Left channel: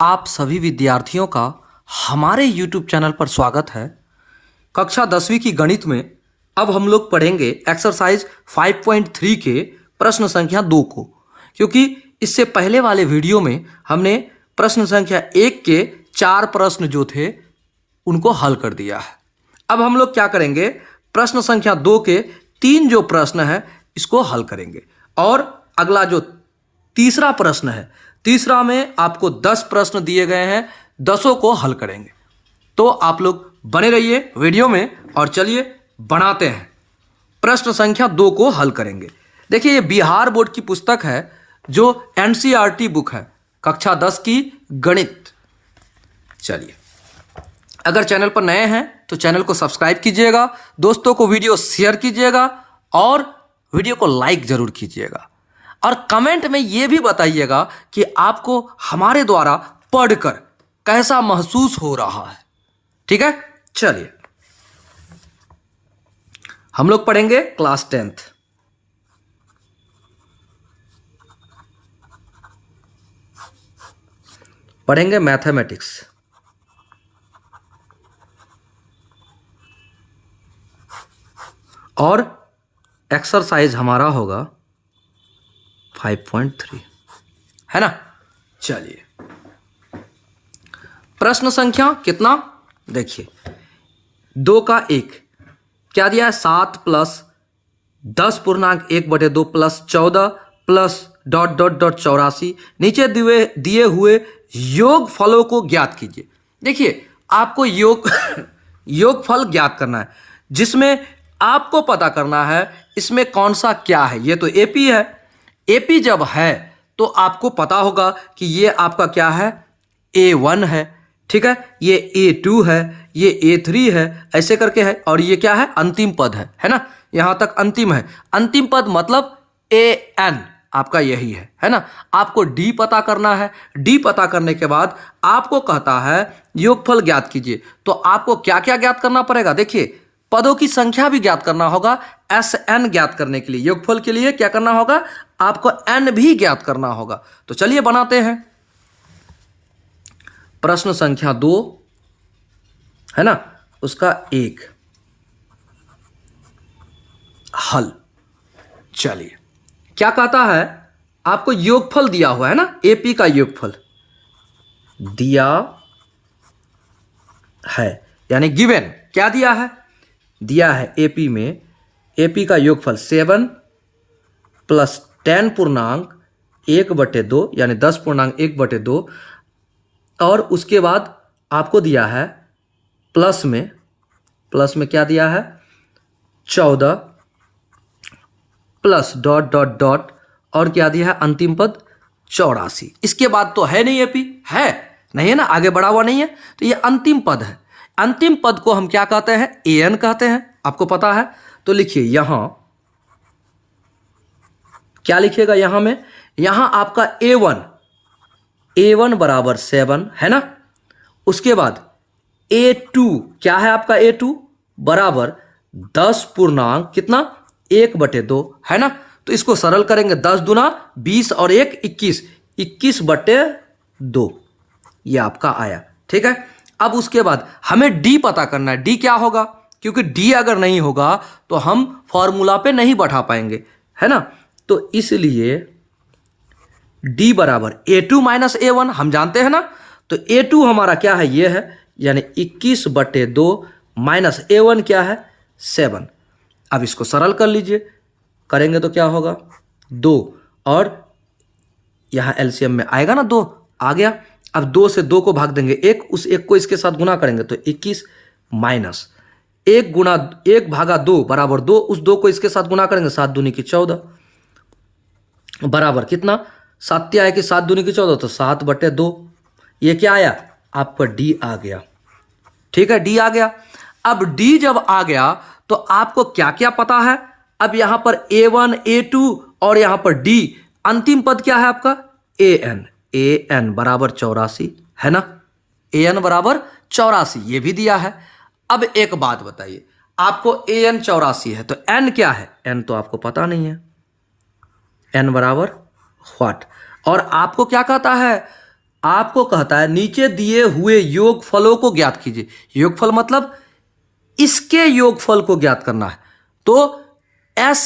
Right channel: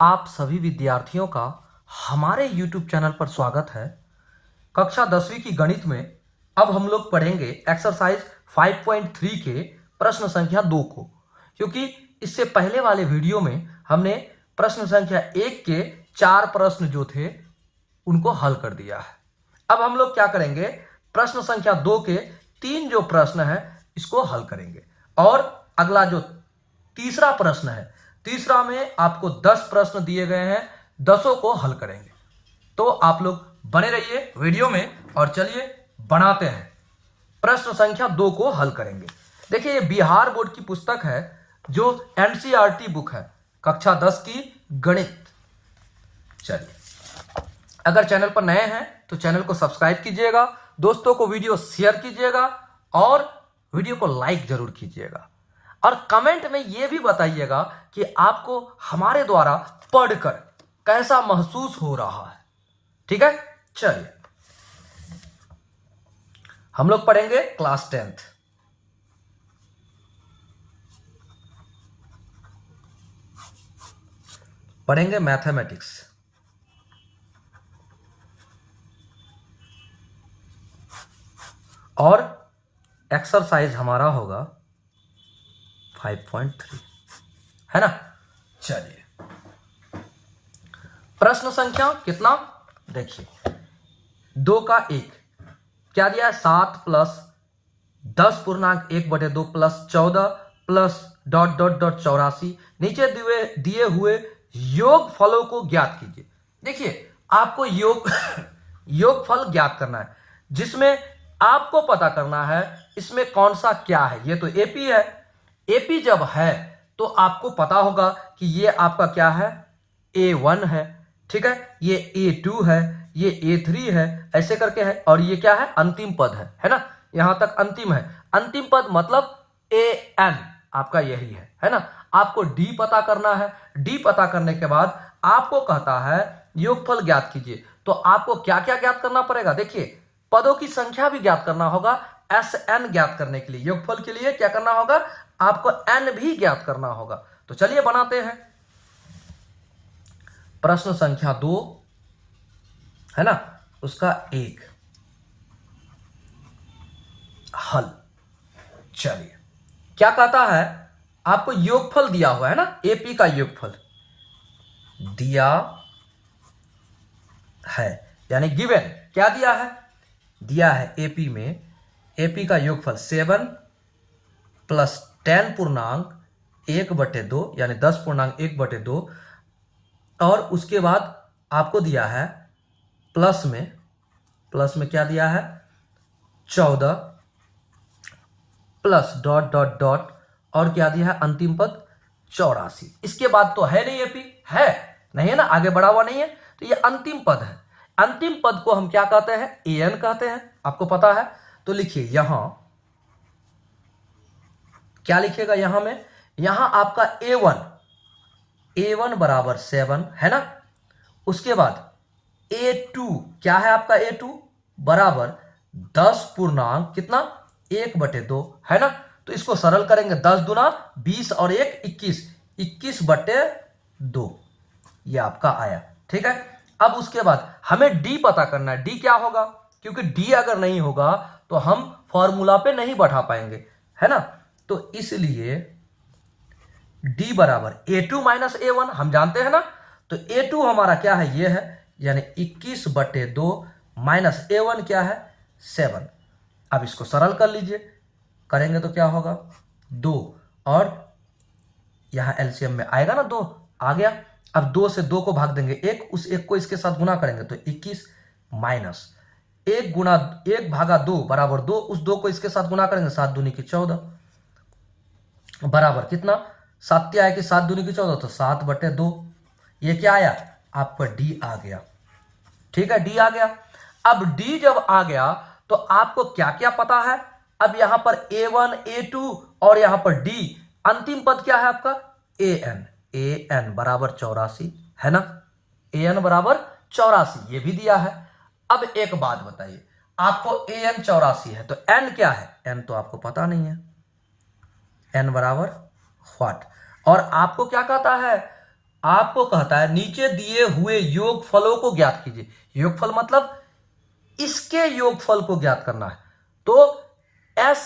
आप सभी विद्यार्थियों का हमारे YouTube चैनल पर स्वागत है। कक्षा 10वीं की गणित में अब हम लोग पढ़ेंगे एक्सरसाइज 5.3 के प्रश्न संख्या 2 को, क्योंकि इससे पहले वाले वीडियो में हमने प्रश्न संख्या 1 के 4 प्रश्न जो थे उनको हल कर दिया है। अब हम लोग क्या करेंगे, प्रश्न संख्या 2 के 3 जो प्रश्न है इसको हल करेंगे और अगला जो तीसरा प्रश्न है, तीसरा में आपको 10 प्रश्न दिए गए हैं, 10 को हल करेंगे। तो आप लोग बने रहिए वीडियो में और चलिए बनाते हैं, प्रश्न संख्या 2 को हल करेंगे। देखिए ये बिहार बोर्ड की पुस्तक है जो एनसीईआरटी बुक है, कक्षा 10 की गणित। चलिए, अगर चैनल पर नए हैं तो चैनल को सब्सक्राइब कीजिएगा, दोस्तों को वीडियो शेयर कीजिएगा और वीडियो को लाइक जरूर कीजिएगा और कमेंट में यह भी बताइएगा कि आपको हमारे द्वारा पढ़कर कैसा महसूस हो रहा है। ठीक है, चलिए हम लोग पढ़ेंगे क्लास 10th। पढ़ेंगे मैथमेटिक्स। और एक्सरसाइज हमारा होगा 5.3, है ना। चलिए, प्रश्न संख्या कितना, देखिए 2 का 1 क्या दिया है, 7 प्लस 10.1/2 प्लस 14 प्लस ... 84। नीचे दिए हुए योग फलों को ज्ञात कीजिए। देखिए आपको योगफल ज्ञात करना है, जिसमें आपको पता करना है इसमें कौन सा क्या है। ये तो एपी है, एपी जब है तो आपको पता होगा कि ये आपका क्या है, A1 है, ठीक है, ये A2 है, ये A3 है, ऐसे करके है, और ये क्या है, अंतिम पद है ना, यहां तक अंतिम है। अंतिम पद मतलब AN आपका यही है ना। आपको D पता करना है, D पता करने के बाद आपको कहता है योगफल ज्ञात कीजिए। तो आपको क्या क्या ज्ञात करना पड़ेगा, देखिए पदों की संख्या भी ज्ञात करना होगा। SN ज्ञात करने के लिए, योगफल के लिए क्या करना होगा, आपको N भी ज्ञात करना होगा। तो चलिए बनाते हैं प्रश्न संख्या 2 है ना, उसका 1 हल। चलिए क्या कहता है, आपको योगफल दिया हुआ है ना, एपी का योगफल दिया है, यानी गिवन क्या दिया है, दिया है एपी में, एपी का योगफल 7 प्लस 10.1/2 यानी 10.1/2, और उसके बाद आपको दिया है प्लस में क्या दिया है, 14 प्लस ... और क्या दिया है, अंतिम पद 84। इसके बाद तो है नहीं, एपी है नहीं है ना, आगे बढ़ा हुआ नहीं है, तो ये अंतिम पद है। अंतिम पद को हम क्या कहते हैं, AN कहते हैं, आपको पता है। तो लिखिए यहां क्या लिखिएगा, यहां में, यहां आपका A1 बराबर 7 है ना। उसके बाद A2 क्या है, आपका A2 बराबर 10 पूर्णांक कितना, 1/2 है ना। तो इसको सरल करेंगे, 10 दूना 20 और 1 21, 21/2 ये आपका आया, ठीक है। अब उसके बाद हमें D पता करना है, D क्या होगा, क्योंकि D अगर नहीं होगा तो हम फॉर्मूला पे नहीं बढ़ा पाएंगे, है ना। तो इसलिए D बराबर A2 माइनस A1 हम जानते हैं ना। तो A2 हमारा क्या है, ये है, यानी 21/2 माइनस A1 क्या है, 7। अब इसको सरल कर लीजिए, करेंगे तो क्या होगा, 2, और यहां एलसीएम में आएगा ना, 2 आ गया। अब 2 से 2 को भाग देंगे, 1, उस 1 को इसके साथ गुना करेंगे तो 21 माइनस 1 गुना 1 भागा 2 बराबर 2, उस 2 को इसके साथ गुना करेंगे, 7 दूनी की 14 बराबर कितना, 7 आया कि 7 दूनी की 14, तो 7/2। ये क्या आया, आपका D आ गया, ठीक है, D आ गया। अब D जब आ गया तो आपको क्या क्या पता है, अब यहां पर A1 A2 और यहां पर D, अंतिम पद क्या है आपका, AN बराबर 84 है ना, AN बराबर 84 ये भी दिया है। अब एक बात बताइए, आपको AN 84 है तो N क्या है, N तो आपको पता नहीं है, N बराबर व्हाट। और आपको क्या कहता है, आपको कहता है नीचे दिए हुए योगफलों को ज्ञात कीजिए। योगफल मतलब इसके योगफल को ज्ञात करना है। तो एस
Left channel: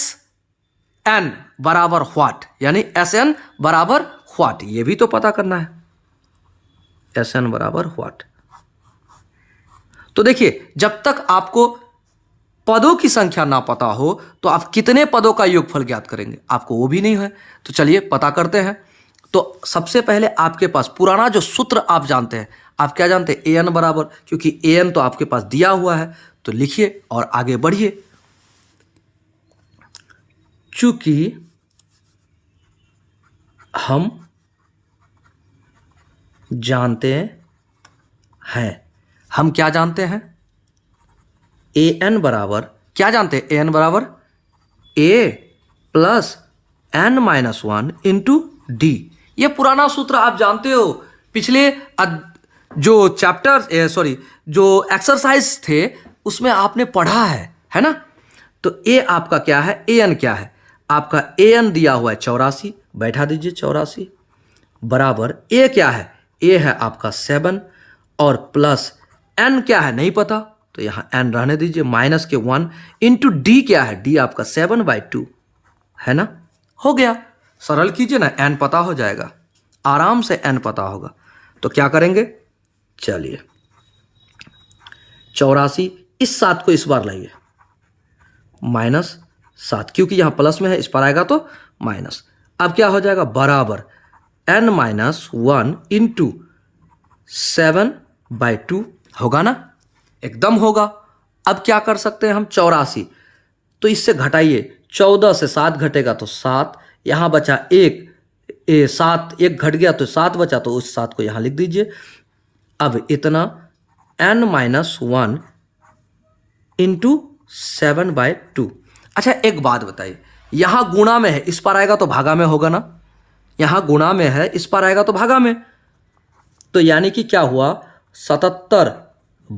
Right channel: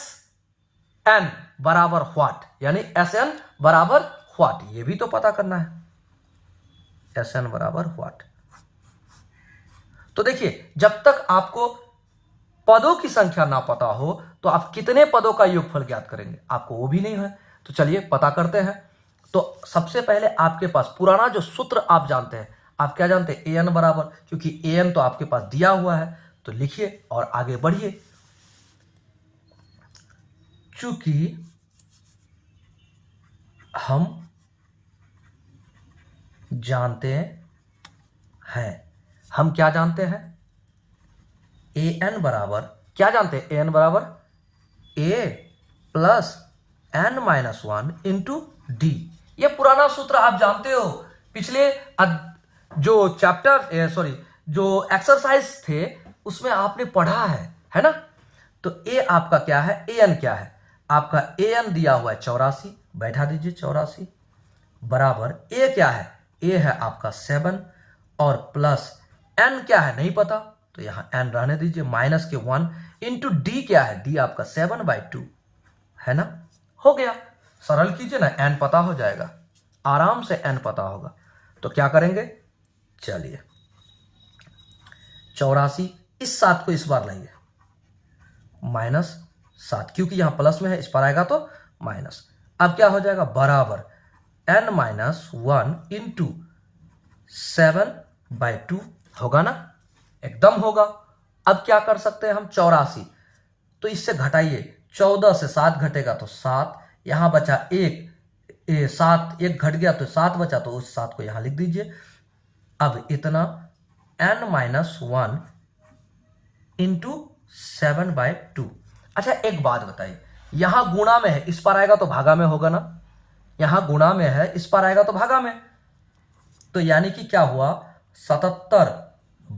एन बराबर व्हाट, यानी एस एन बराबर व्हाट, ये भी तो पता करना है, एस एन बराबर व्हाट। तो देखिए, जब तक आपको पदों की संख्या ना पता हो तो आप कितने पदों का योगफल ज्ञात करेंगे, आपको वो भी नहीं है। तो चलिए पता करते हैं। तो सबसे पहले आपके पास पुराना जो सूत्र आप जानते हैं, आप क्या जानते हैं, ए एन बराबर, क्योंकि ए एन तो आपके पास दिया हुआ है, तो लिखिए और आगे बढ़िए। चूंकि हम जानते हैं, हम क्या जानते हैं, ए एन बराबर, क्या जानते हैं, ए एन बराबर A plus N minus one into D. ये पुराना सूत्र आप जानते हो, पिछले जो चैप्टर जो एक्सरसाइज थे उसमें आपने पढ़ा है ना। तो ए आपका क्या है, ए एन क्या है, आपका ए एन दिया हुआ है 84, बैठा दीजिए 84 बराबर ए क्या है, ए है आपका 7 और प्लस एन क्या है नहीं पता, तो यहां एन रहने दीजिए, माइनस के 1 इंटू डी क्या है, डी आपका 7/2 है ना। हो गया, सरल कीजिए ना, एन पता हो जाएगा, आराम से एन पता होगा। तो क्या करेंगे, चलिए 84, इस 7 को इस बार लाइए, -7, क्योंकि यहां प्लस में है, इस पर आएगा तो माइनस। अब क्या हो जाएगा, बराबर n माइनस 1 इंटू 7/2 होगा ना, एकदम होगा। अब क्या कर सकते हैं हम, 84, तो इससे घटाइए, 14 से 7 घटेगा तो 7, यहां बचा 1, 7 1 घट गया तो 7 बचा, तो उस 7 को यहां लिख दीजिए। अब इतना n माइनस 1 इंटू 7/2। अच्छा एक बात बताइए, यहां गुणा में है, इस पर आएगा तो भागा में होगा ना, यहां गुणा में है, इस पर आएगा तो भागा में, तो यानी कि क्या हुआ, 77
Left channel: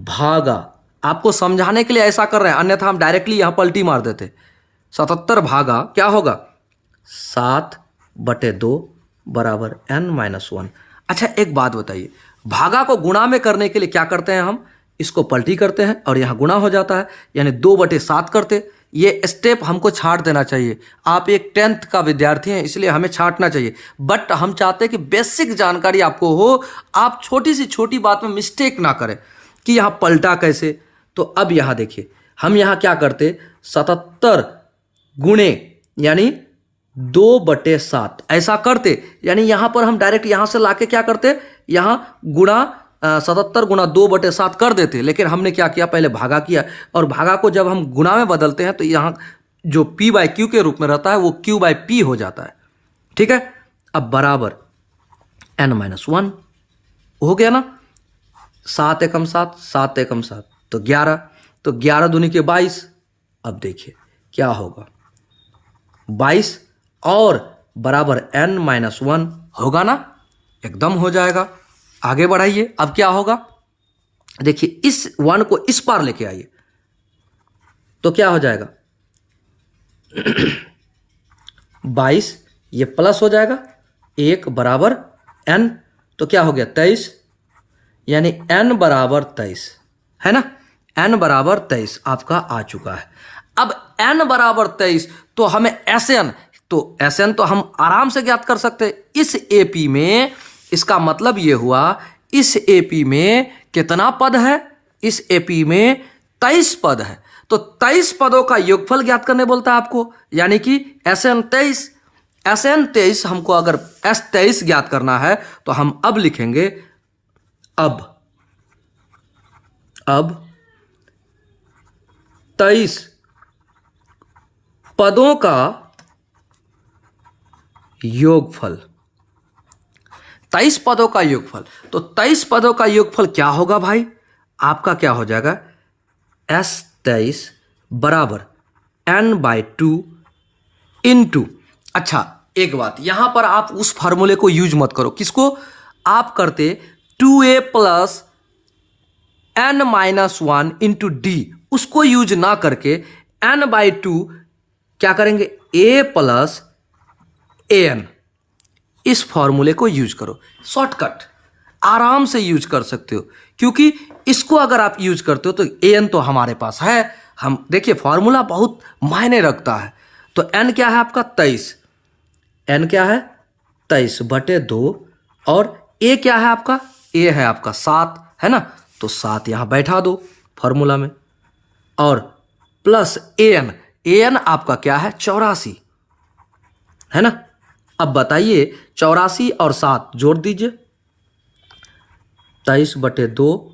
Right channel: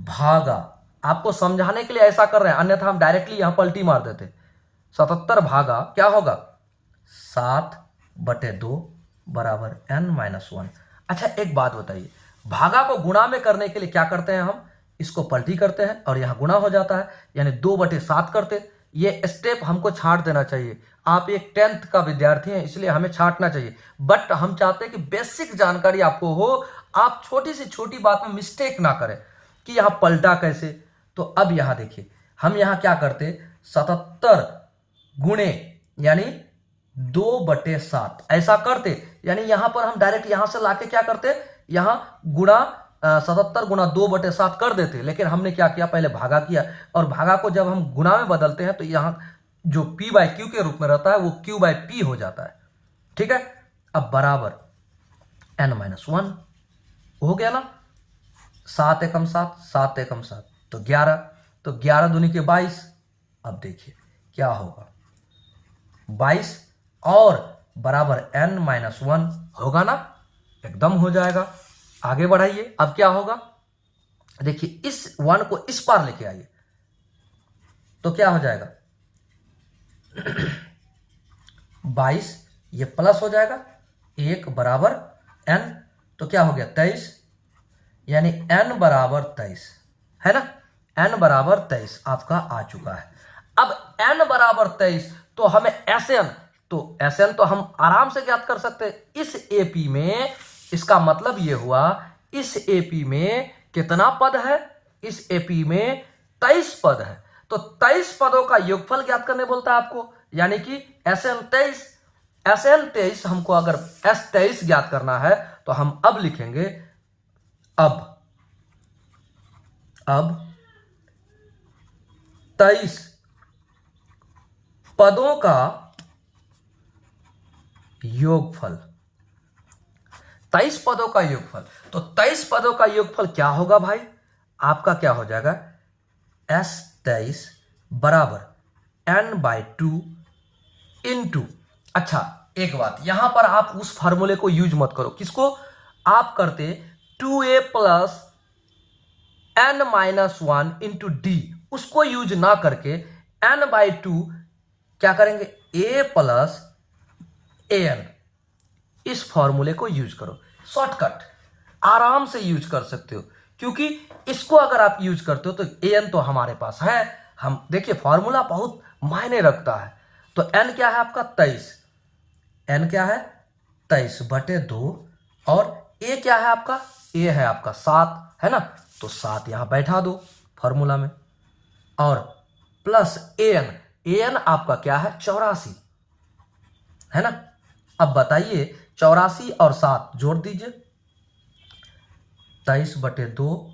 भागा, आपको समझाने के लिए ऐसा कर रहे हैं, अन्यथा हम डायरेक्टली यहां पलटी मार देते। 77 भागा क्या होगा, 7/2 बराबर n माइनस 1। अच्छा एक बात बताइए, भागा को गुणा में करने के लिए क्या करते हैं हम, इसको पलटी करते हैं और यहां गुणा हो जाता है, यानी 2/7 करते। ये स्टेप हमको छांट देना चाहिए, आप एक 10th का विद्यार्थी हैं इसलिए हमें छांटना चाहिए, बट हम चाहते हैं कि बेसिक जानकारी आपको हो, आप छोटी सी छोटी बात में मिस्टेक ना करें कि यहाँ पलटा कैसे। तो अब यहाँ देखिए, हम यहाँ क्या करते, 77 गुणे यानी 2/7 ऐसा करते, यानी यहाँ पर हम डायरेक्ट यहाँ से लाके क्या करते, यहाँ गुणा 77 गुणा 2/7 कर देते, लेकिन हमने क्या किया, पहले भागा किया, और भागा को जब हम गुणा में बदलते हैं तो यहाँ जो p/q के रूप में रहता है वो q/p हो जाता है, ठीक है। अब बराबर n-1 हो गया ना, 7 एकम 7, 7 एकम 7 तो 11, तो 11 दूनी के 22। अब देखिए क्या होगा, 22 और बराबर n-1 होगा ना, एकदम हो जाएगा। आगे बढ़ाइए, अब क्या होगा, देखिए इस 1 को इस पार लेके आइए, तो क्या हो जाएगा 22, ये प्लस हो जाएगा 1 बराबर n, तो क्या हो गया 23, यानी n बराबर 23 है ना, n बराबर 23 आपका आ चुका है। अब n बराबर 23 तो हमें Sn, तो Sn तो हम आराम से ज्ञात कर सकते हैं इस AP में। इसका मतलब ये हुआ, इस AP में कितना पद है, इस AP में 23 पद है, तो 23 पदों का योगफल ज्ञात करने बोलता है आपको, यानी कि Sn 23। Sn 23 हमको अगर S23 ज्ञात करना है तो हम अब लिखेंगे, अब 23 पदों का योगफल, 23 पदों का योगफल, तो 23 पदों का योगफल क्या होगा भाई, आपका क्या हो जाएगा, S23 बराबर n/2 इंटू, अच्छा एक बात, यहां पर आप उस फार्मूले को यूज मत करो, किसको आप करते, 2a plus n-1 into D, उसको यूज ना करके n/2 क्या करेंगे, a प्लस an, इस फॉर्मूले को यूज करो, शॉर्टकट। आराम से यूज कर सकते हो, क्योंकि इसको अगर आप यूज करते हो तो an तो हमारे पास है। हम देखिए फॉर्मूला बहुत मायने रखता है। तो n क्या है आपका 23, n क्या है 23/2, और a क्या है आपका, a है आपका 7, है ना। तो 7 यहां बैठा दो फॉर्मूला में, और प्लस an आपका क्या है 84, है ना। अब बताइए 84 और 7 जोड़ दीजिए 23/2।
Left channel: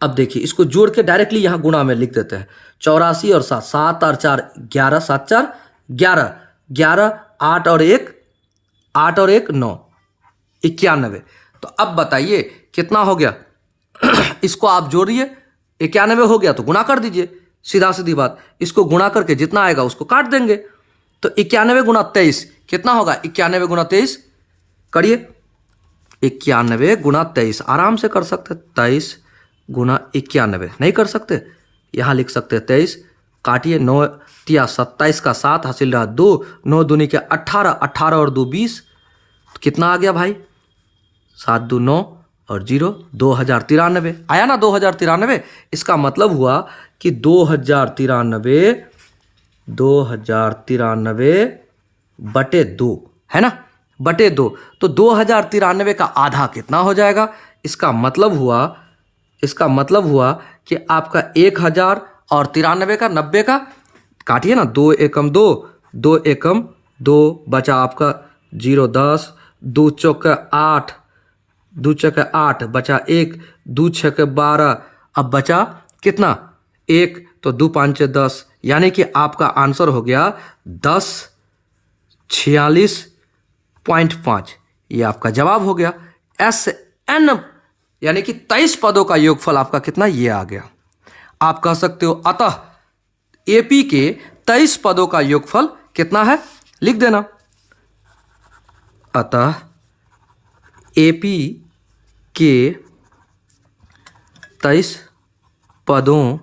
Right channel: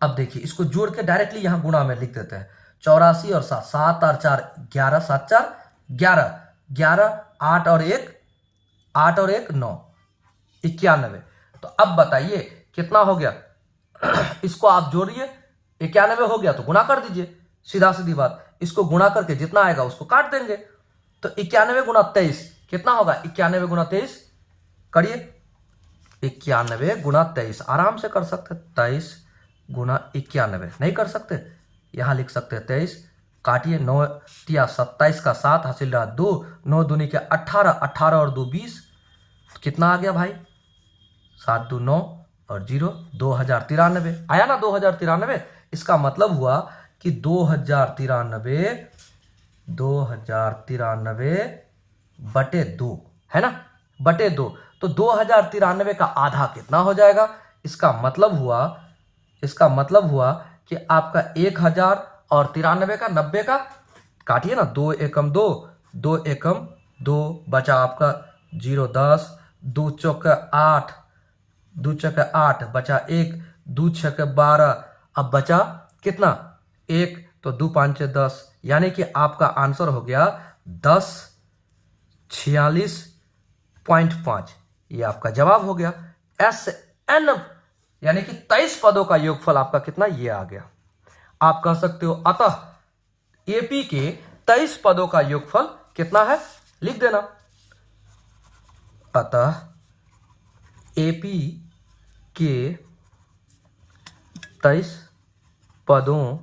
अब देखिए इसको जोड़ के डायरेक्टली यहां गुणा में लिख देते हैं। 84 और 7, 7 और 4 11, 7 4 11, 11 8 और 1 9, 91। तो अब बताइए कितना हो गया। इसको आप जोड़िए, 91 हो गया तो गुणा कर दीजिए, सीधा सीधी बात। इसको गुणा करके जितना आएगा उसको काट देंगे। तो 91 गुणा 23 कितना होगा, 91 गुणा 23 करिए, 91 गुणा 23 आराम से कर सकते। 23 गुणा 91 नहीं कर सकते, यहां लिख सकते 23, काटिए 9 तिया 27 का 7 हासिल रहा 2, 9 दूनी के 18, 18 और 2 20, तो कितना आ गया भाई 7 2 9 और 0 2093 आया ना 2093। इसका मतलब हुआ कि 2093/2 है ना, बटे 2। तो 2093 का आधा कितना हो जाएगा। इसका मतलब हुआ कि आपका 1000 और 93 का 90 का काटिए ना, 2 एकम 2, 2 एकम 2 बचा आपका 0 10, 2 चौके 8, 2 चौके 8 बचा 1, 2 छके 12, अब बचा कितना 1, तो 2 5 10, यानी कि आपका आंसर हो गया 1046.5। ये आपका जवाब हो गया। SN यानी कि 23 पदों का योगफल आपका कितना, ये आ गया। आप कह सकते हो अतः AP के 23 पदों का योगफल कितना है, लिख देना। अतः AP के 23 पदों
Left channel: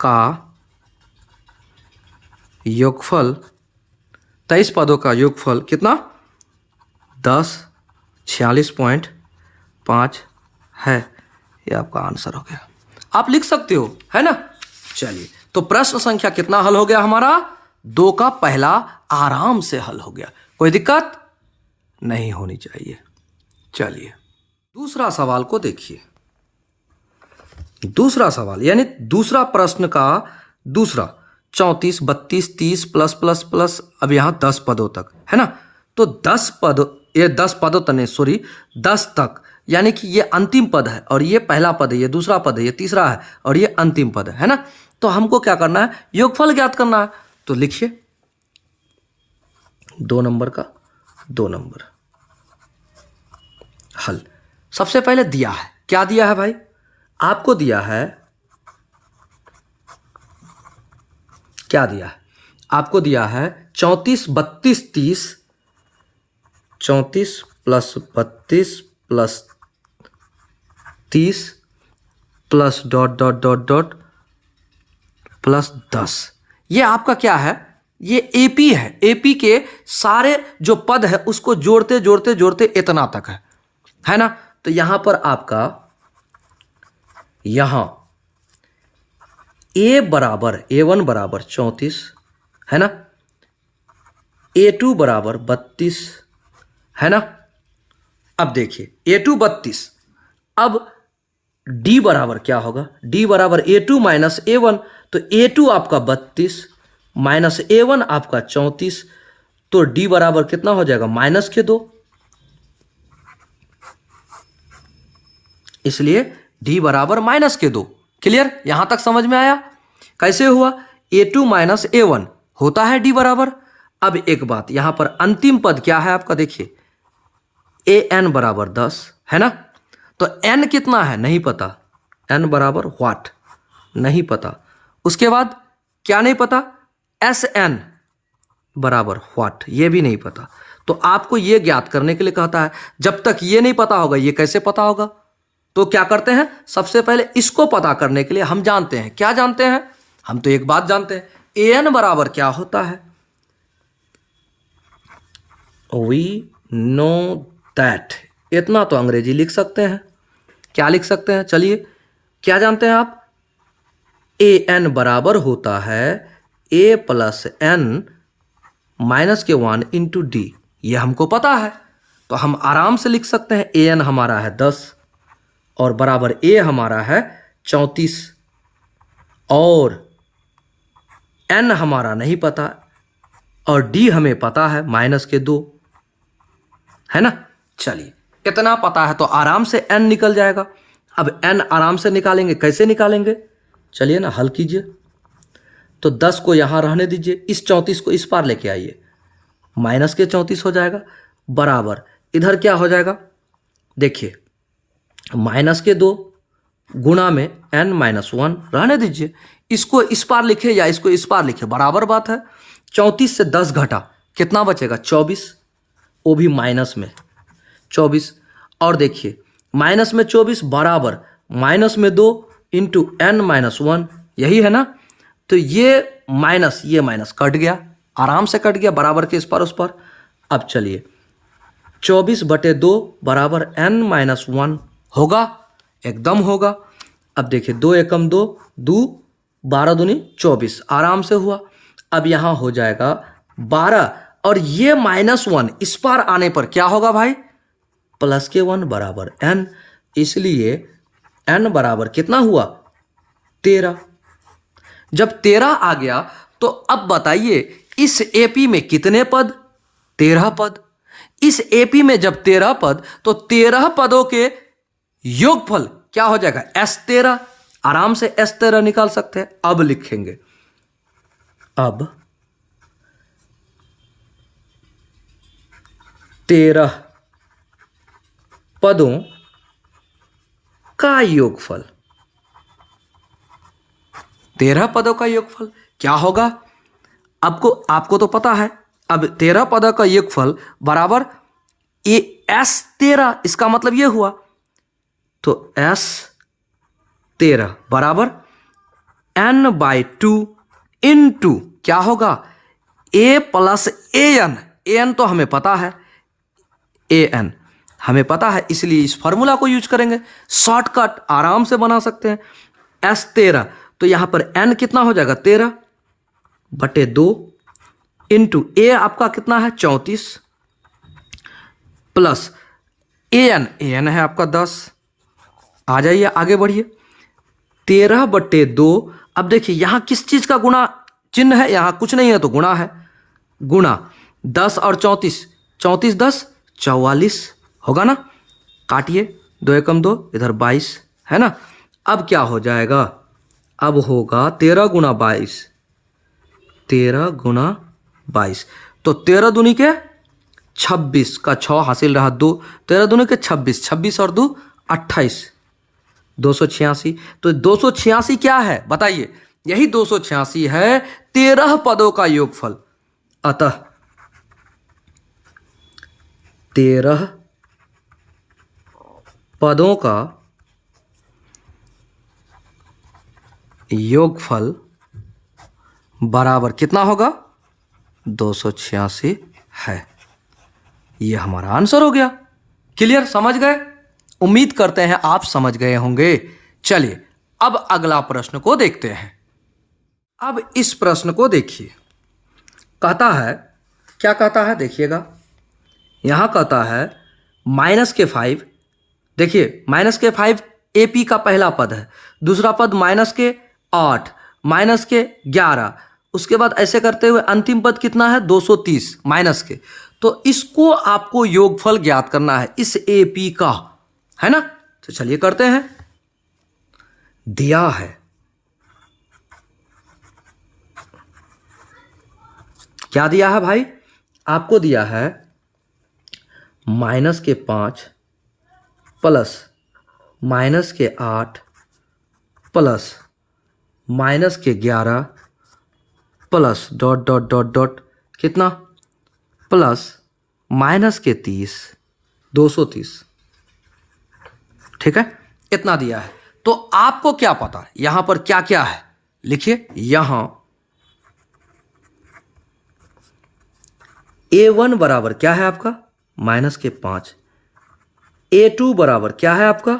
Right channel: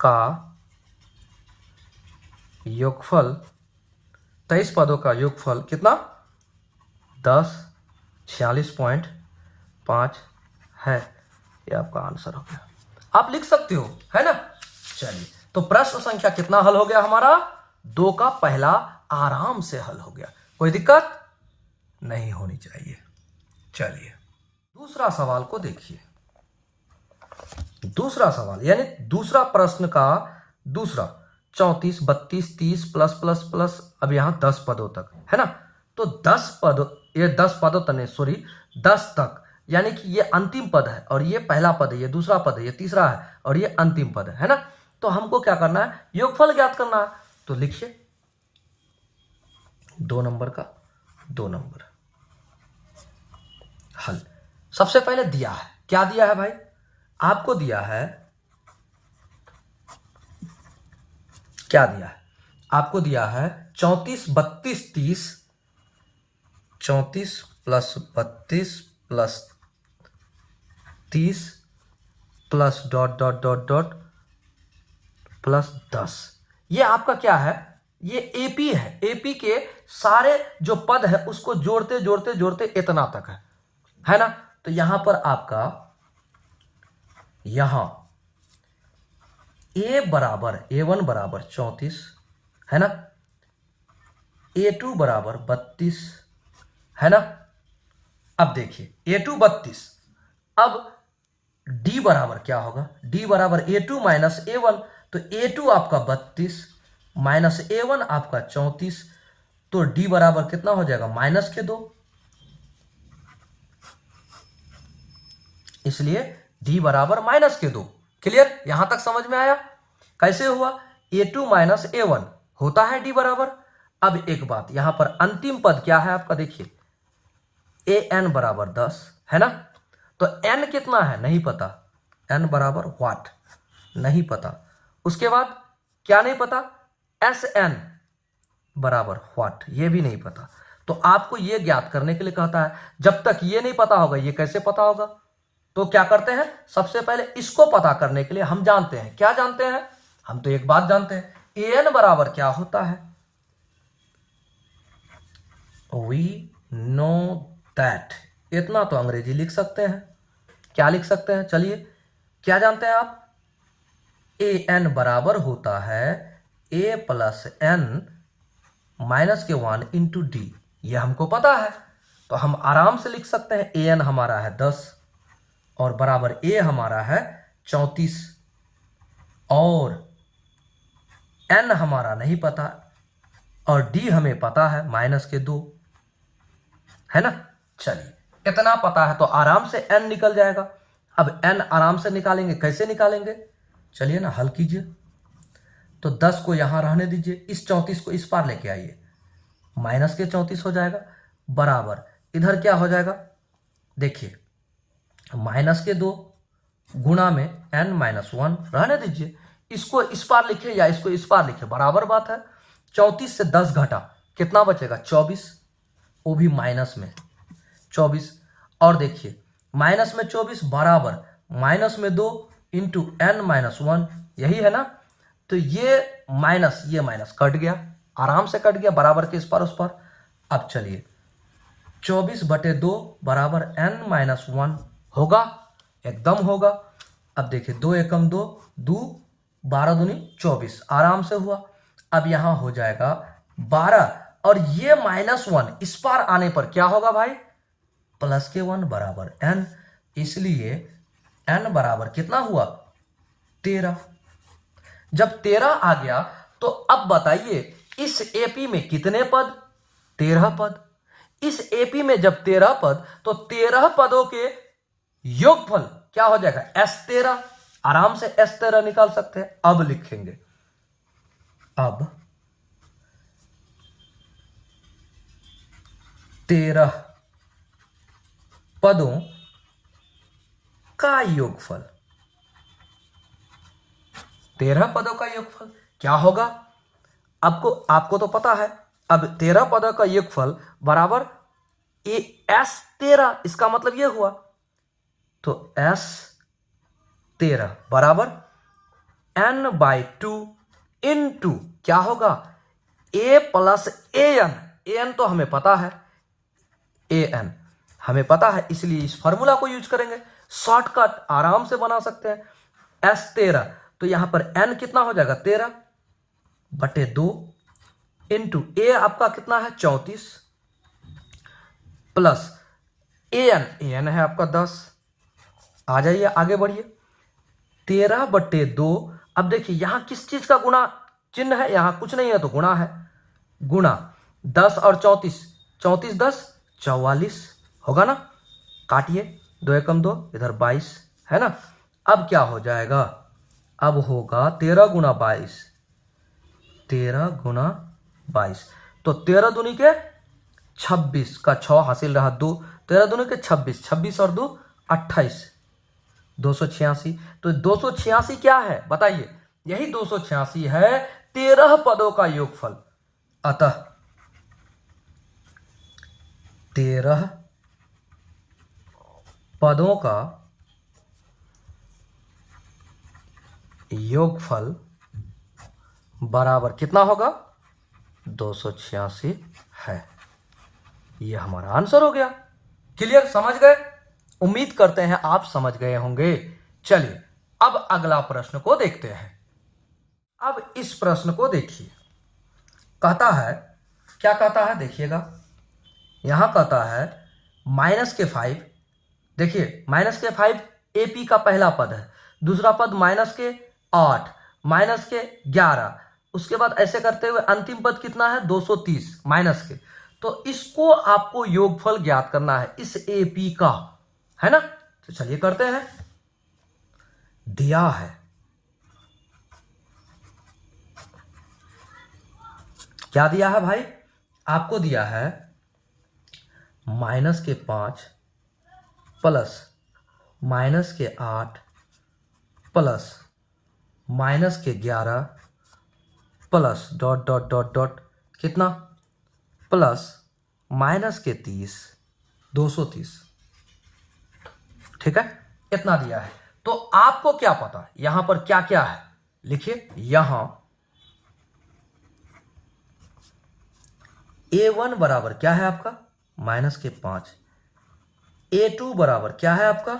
का योगफल, 23 पदों का योगफल कितना 1046.5 है। ये आपका आंसर हो गया, आप लिख सकते हो, है ना। चलिए, तो प्रश्न संख्या कितना हल हो गया हमारा, 2 का पहला आराम से हल हो गया, कोई दिक्कत नहीं होनी चाहिए। चलिए दूसरा सवाल को देखिए। दूसरा सवाल यानी दूसरा प्रश्न का दूसरा 34 32 30 प्लस प्लस प्लस, अब यहां 10 पदों तक है ना। तो 10 पद, ये 10 पदों तक नहीं, सॉरी 10 तक, यानी कि ये अंतिम पद है और ये पहला पद है, ये दूसरा पद है, ये तीसरा है और ये अंतिम पद है ना। तो हमको क्या करना है, योगफल ज्ञात करना है। तो लिखिए 2 नंबर का 2 नंबर हल। सबसे पहले दिया है, क्या दिया है भाई, आपको दिया है, क्या दिया है, आपको दिया है 34 32 30, 34 plus 32 plus 30 plus dot dot dot dot plus 10। ये आपका क्या है, ये एपी है। एपी के सारे जो पद है उसको जोड़ते जोड़ते जोड़ते इतना तक है ना। तो यहां पर आपका, यहां A बराबर A1 बराबर 34 है ना, A2 बराबर 32 है ना। अब देखिए A2 32, अब D बराबर क्या होगा, D बराबर A2 माइनस A1, तो A2 आपका 32 माइनस A1 आपका 34, तो D बराबर कितना हो जाएगा -2, इसलिए D बराबर -2। क्लियर, यहां तक समझ में आया कैसे हुआ। A2 माइनस A1 होता है D बराबर। अब एक बात, यहां पर अंतिम पद क्या है आपका, देखिए AN बराबर 10 है ना। तो N कितना है नहीं पता, N बराबर व्हाट नहीं पता। उसके बाद क्या नहीं पता, SN बराबर व्हाट, ये भी नहीं पता। तो आपको ये ज्ञात करने के लिए कहता है, जब तक ये नहीं पता होगा ये कैसे पता होगा। तो क्या करते हैं, सबसे पहले इसको पता करने के लिए हम जानते हैं, क्या जानते हैं, हम तो एक बात जानते हैं, AN बराबर क्या होता है, वी नो दैट इतना तो अंग्रेजी लिख सकते हैं। क्या लिख सकते हैं? चलिए, क्या जानते हैं आप? ए एन बराबर होता है ए प्लस एन माइनस के 1 इंटू डी। ये हमको पता है, तो हम आराम से लिख सकते हैं ए एन हमारा है 10 और बराबर ए हमारा है 34 और एन हमारा नहीं पता और डी हमें पता है माइनस के 2, है ना। चलिए, इतना पता है तो आराम से एन निकल जाएगा। अब एन आराम से निकालेंगे, कैसे निकालेंगे? चलिए ना, हल कीजिए। तो 10 को यहां रहने दीजिए, इस 34 को इस पार लेके आइए, माइनस के 34 हो जाएगा बराबर इधर क्या हो जाएगा? देखिए, माइनस के 2 गुणा में एन माइनस 1 रहने दीजिए, इसको इस पार लिखे या इसको इस पार लिखे बराबर बात है। 34 से 10 घटा कितना बचेगा? 24, वो भी माइनस में 24। और देखिए, माइनस में 24 बराबर माइनस में 2 इंटू एन माइनस 1, यही है ना। तो ये माइनस कट गया, आराम से कट गया, बराबर के इस पार उस पार। अब चलिए, 24/2 बराबर एन माइनस 1 होगा, एकदम होगा। अब देखिए, 2 एकम 2, 2 12 दूनी 24, आराम से हुआ। अब यहां हो जाएगा 12 और ये -1 इस पार आने पर क्या होगा भाई? प्लस के 1 बराबर एन, इसलिए एन बराबर कितना हुआ? 13। जब 13 आ गया तो अब बताइए इस एपी में कितने पद? 13 पद। इस एपी में जब 13 पद तो 13 पदों के योगफल क्या हो जाएगा? S13। आराम से S13 निकाल सकते हैं। अब लिखेंगे, अब 13 पदों का योगफल, 13 पदों का योगफल क्या होगा? आपको तो पता है। अब 13 पदों का योगफल बराबर S13, इसका मतलब ये हुआ, तो S13 बराबर n/2 इंटू क्या होगा? a plus an। an तो हमें पता है, an हमें पता है, इसलिए इस फॉर्मूला को यूज करेंगे। शॉर्टकट आराम से बना सकते हैं। S13, तो यहां पर n कितना हो जाएगा? 13/2 इंटू a आपका कितना है? 34 प्लस an है आपका 10। आ जाइए, आगे बढ़िए। 13/2। अब देखिए, यहां किस चीज का गुणा चिन्ह है? यहां कुछ नहीं है तो गुणा है, गुणा 10 और 34, 34 10 44 होगा ना। काटिए, 2 एकम 2, इधर 22 है ना। अब क्या हो जाएगा? अब होगा 13 गुणा 22, 13 गुणा 22, तो 13 दूनी के 26 का 6 हासिल रहा 2, 13 दूनी के 26, 26 और 2 28, 286। तो 286 क्या है बताइए? यही 286 है 13 पदों का योगफल। अतः 13 पदों का योगफल बराबर कितना होगा? 286 है। यह हमारा आंसर हो गया। क्लियर? समझ गए? उम्मीद करते हैं आप समझ गए होंगे। चलिए, अब अगला प्रश्न को देखते हैं। अब इस प्रश्न को देखिए, कहता है, क्या कहता है देखिएगा, यहां कहता है -5। देखिए, -5 एपी का पहला पद है, दूसरा पद -8, -11, उसके बाद ऐसे करते हुए अंतिम पद कितना है? 230 माइनस के। तो इसको आपको योगफल ज्ञात करना है इस एपी का, है ना। तो चलिए करते हैं। दिया है, क्या दिया है भाई? आपको दिया है -5 plus -8 plus -11 plus dot dot dot dot कितना? प्लस -30, 230। ठीक है, इतना दिया है। तो आपको क्या पता है यहां पर क्या क्या है? लिखिए, यहां A1 बराबर क्या है आपका? -5, A2 बराबर क्या है आपका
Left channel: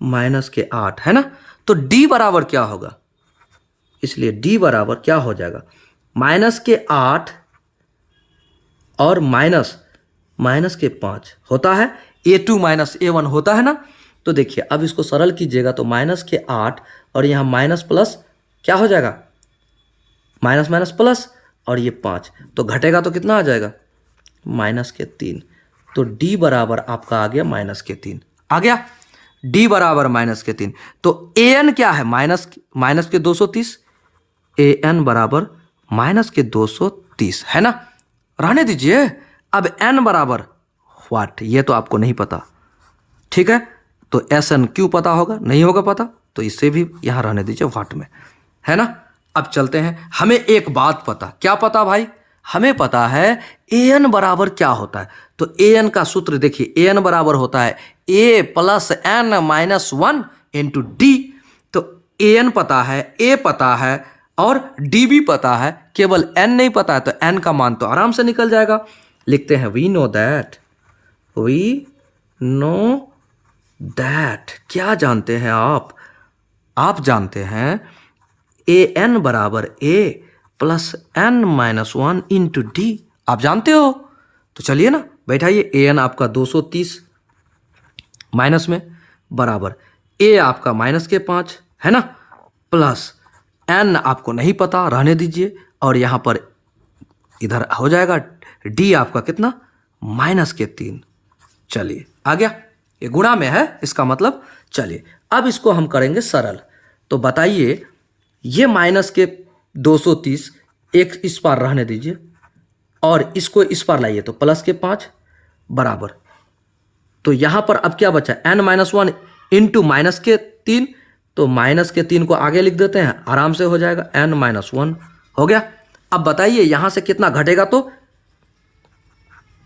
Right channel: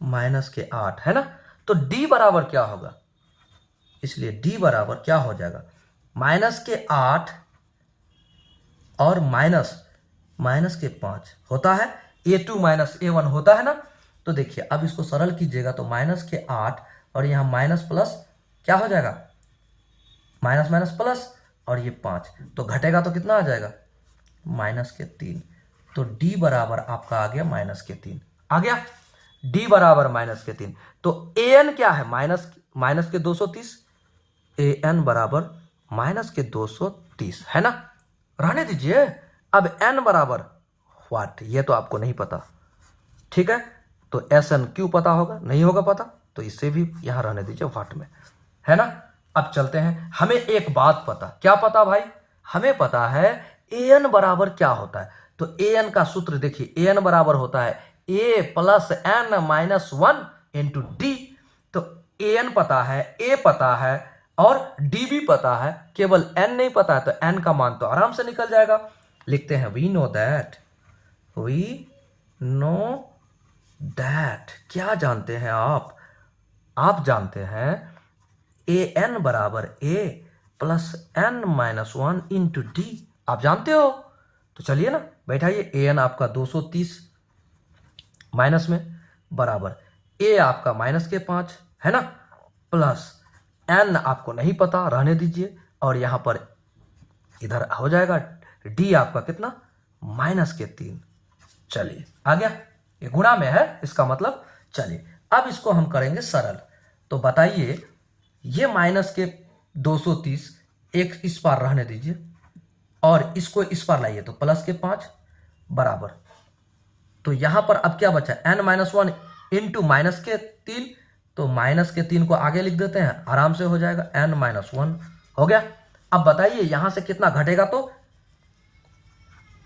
-8 है ना। तो D बराबर क्या होगा, इसलिए D बराबर क्या हो जाएगा -8 और -5 होता है, A2 -A1 होता है ना। तो देखिए अब इसको सरल कीजिएगा तो -8 और यहाँ माइनस प्लस क्या हो जाएगा माइनस माइनस प्लस और ये 5, तो घटेगा तो कितना आ जाएगा -3। तो D बराबर आपका आ गया -3 आ गया, D बराबर -3। तो AN क्या है माइनस के 230, AN बराबर -230 है ना। रहने दीजिए। अब N बराबर व्हाट, ये तो आपको नहीं पता, ठीक है। तो SN क्यों पता होगा, नहीं होगा पता, तो इससे भी यहां रहने दीजिए व्हाट में, है ना। अब चलते हैं, हमें एक बात पता, क्या पता भाई, हमें पता है AN बराबर क्या होता है। तो AN का सूत्र देखिए, AN बराबर होता है A + N - 1 × D। तो AN पता है, A पता है और D भी पता है, केवल N नहीं पता है। तो N का मान तो आराम से निकल जाएगा। लिखते हैं वी नो दैट, क्या जानते हैं आप जानते हैं AN बराबर A + N - 1 × D, आप जानते हो। तो चलिए ना बैठाइए, AN आपका 230 माइनस में बराबर A आपका -5 है ना, प्लस N आपको नहीं पता, रहने दीजिए। और यहां पर इधर हो जाएगा D आपका कितना -3। चलिए आ गया, ये गुणा में है इसका मतलब। चलिए अब इसको हम करेंगे सरल। तो बताइए ये -230 एक इस पार रहने दीजिए और इसको इस पार लाइए तो +5 बराबर। तो यहां पर अब क्या बचा N - 1 × -3, तो -3 को आगे लिख देते हैं, आराम से हो जाएगा N - 1 हो गया। अब बताइए यहां से कितना घटेगा, तो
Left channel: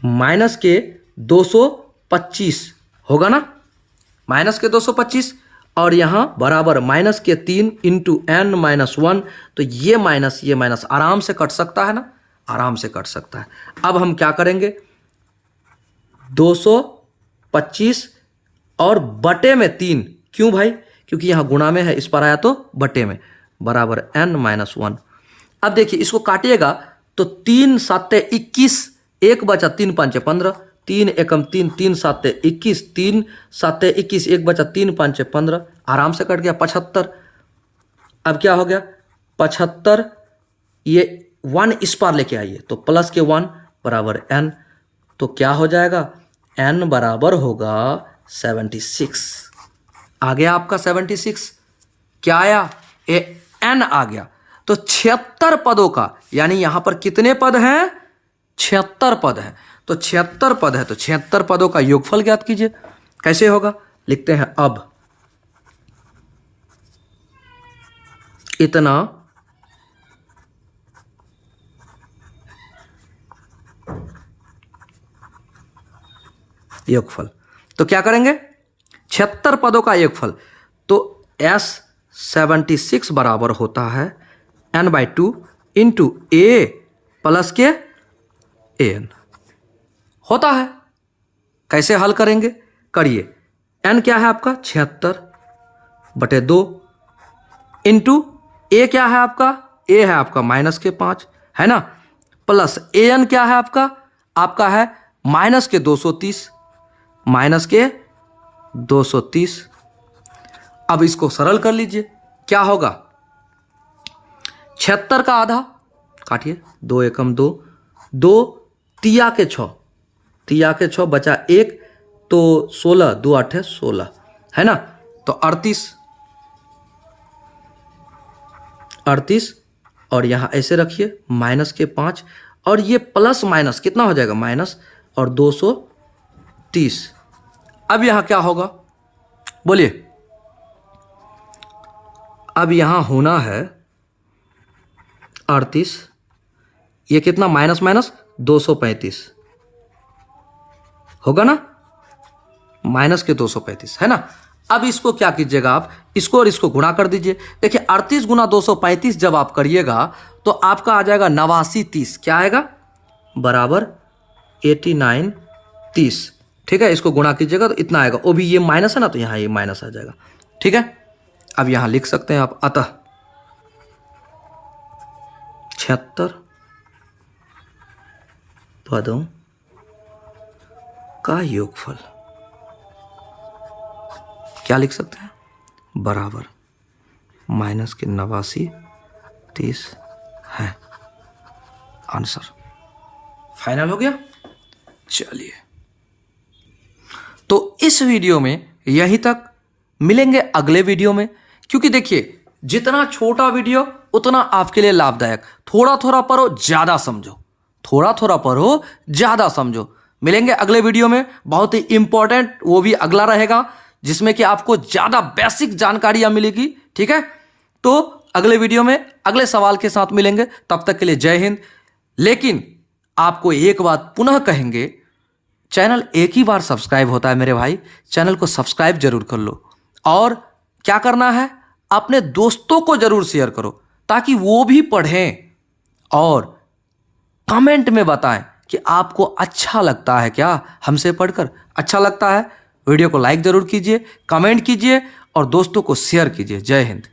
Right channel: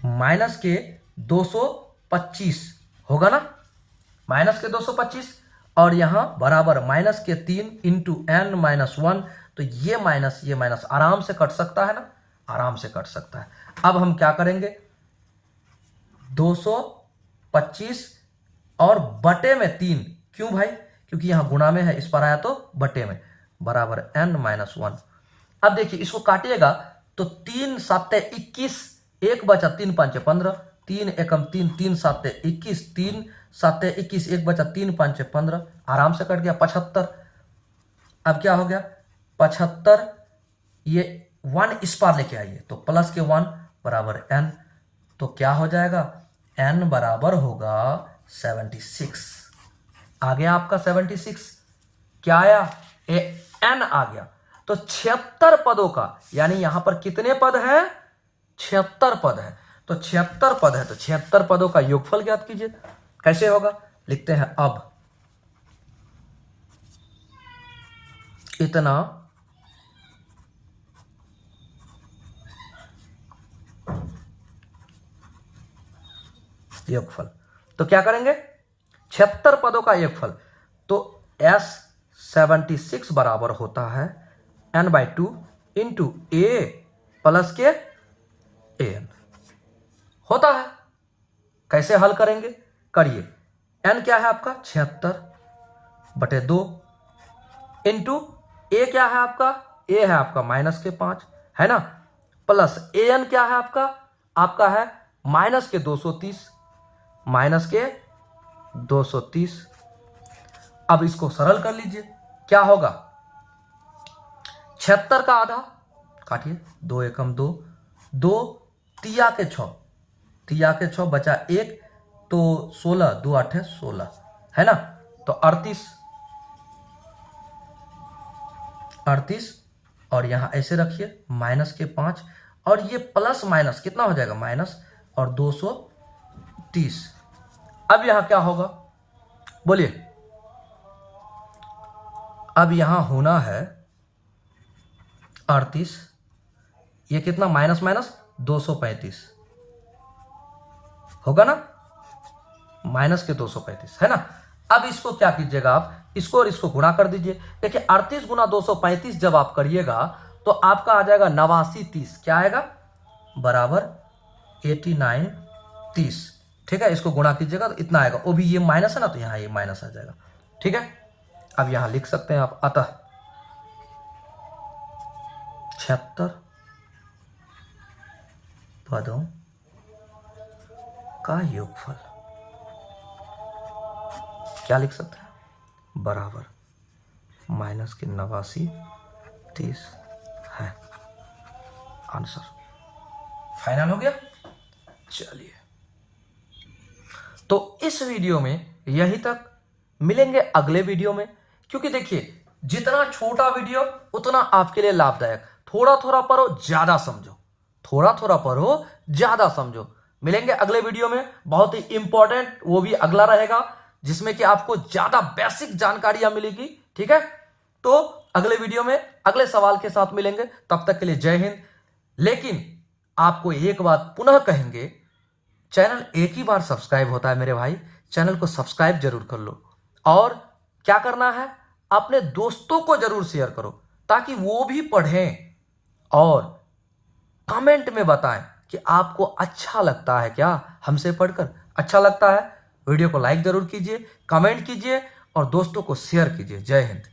-225 होगा ना, -225 और यहां बराबर -3 × N - 1। तो ये माइनस आराम से कट सकता है ना, आराम से कट सकता है। अब हम क्या करेंगे 225 और बटे में 3, क्यों भाई, क्योंकि यहां गुणा में है, इस पर आया तो बटे में, बराबर N - 1। अब देखिए इसको काटिएगा तो 3 × 7 = 21, 1 बचा 3 × 5 = 15, 3 × 1 = 3, 3 × 7 = 21, 3 × 7 = 21, 1 बचा 3 × 5 = 15, आराम से कट गया 75। अब क्या हो गया 75, ये 1 इस पार लेके आइए तो प्लस के 1 बराबर N। तो क्या हो जाएगा N बराबर होगा 76। आ गया आपका 76, क्या आया N आ गया। तो 76 पदों का, यानी यहां पर कितने पद हैं 76 पद हैं। तो 76 पद है तो 76 पदों का योगफल ज्ञात कीजिए। कैसे होगा, लिखते हैं अब इतना योगफल। तो क्या करेंगे 76 पदों का योगफल, तो S76 बराबर होता है N/2 × A + के AN होता है। कैसे हल करेंगे, करिए। N क्या है आपका 76 बटे 2 इंटू A क्या है आपका, A है आपका -5 है ना, प्लस AN क्या है आपका है -230 -230। अब इसको सरल कर लीजिए, क्या होगा 76 का आधा काटिए, 2 एकम 2, 2 तिया के 6 बचा 1, तो 16, 2 8 है 16 है ना। तो 38 और यहां ऐसे रखिए -5 और ये प्लस माइनस कितना हो जाएगा माइनस और 230। अब यहां क्या होगा बोलिए, अब यहां होना है 38, ये कितना माइनस 235 होगा ना, -235 है ना। अब इसको क्या कीजिएगा आप, इसको और इसको गुणा कर दीजिए। देखिए 38 × 235 जब आप करिएगा तो आपका आ जाएगा 89 30, क्या आएगा बराबर 89 30, ठीक है, इसको गुणा कीजिएगा तो इतना आएगा, वो भी ये माइनस है ना, तो यहाँ ये माइनस आ जाएगा। ठीक है, अब यहाँ लिख सकते हैं आप, अतः 76 पदों का योगफल क्या लिख सकते हैं, बराबर माइनस के 89 30 है। आंसर फाइनल हो गया। चलिए, तो इस वीडियो में यहीं तक, मिलेंगे अगले वीडियो में। क्योंकि देखिए, जितना छोटा वीडियो उतना आपके लिए लाभदायक। थोड़ा थोड़ा पढ़ो, ज्यादा समझो, थोड़ा थोड़ा पढ़ो, ज्यादा समझो। मिलेंगे अगले वीडियो में, बहुत ही इंपॉर्टेंट, वो भी अगला रहेगा, जिसमें कि आपको ज्यादा बेसिक जानकारियां मिलेगी। ठीक है, तो अगले वीडियो में अगले सवाल के साथ मिलेंगे। तब तक के लिए जय हिंद। लेकिन आपको एक बात पुनः कहेंगे, चैनल एक ही बार सब्सक्राइब होता है मेरे भाई, चैनल को सब्सक्राइब जरूर कर लो। और क्या करना है, अपने दोस्तों को जरूर शेयर करो ताकि वो भी पढ़ें, और कमेंट में बताएं कि आपको अच्छा लगता है क्या हमसे पढ़कर। अच्छा लगता है वीडियो को लाइक जरूर कीजिए, कमेंट कीजिए और दोस्तों को शेयर कीजिए। जय हिंद।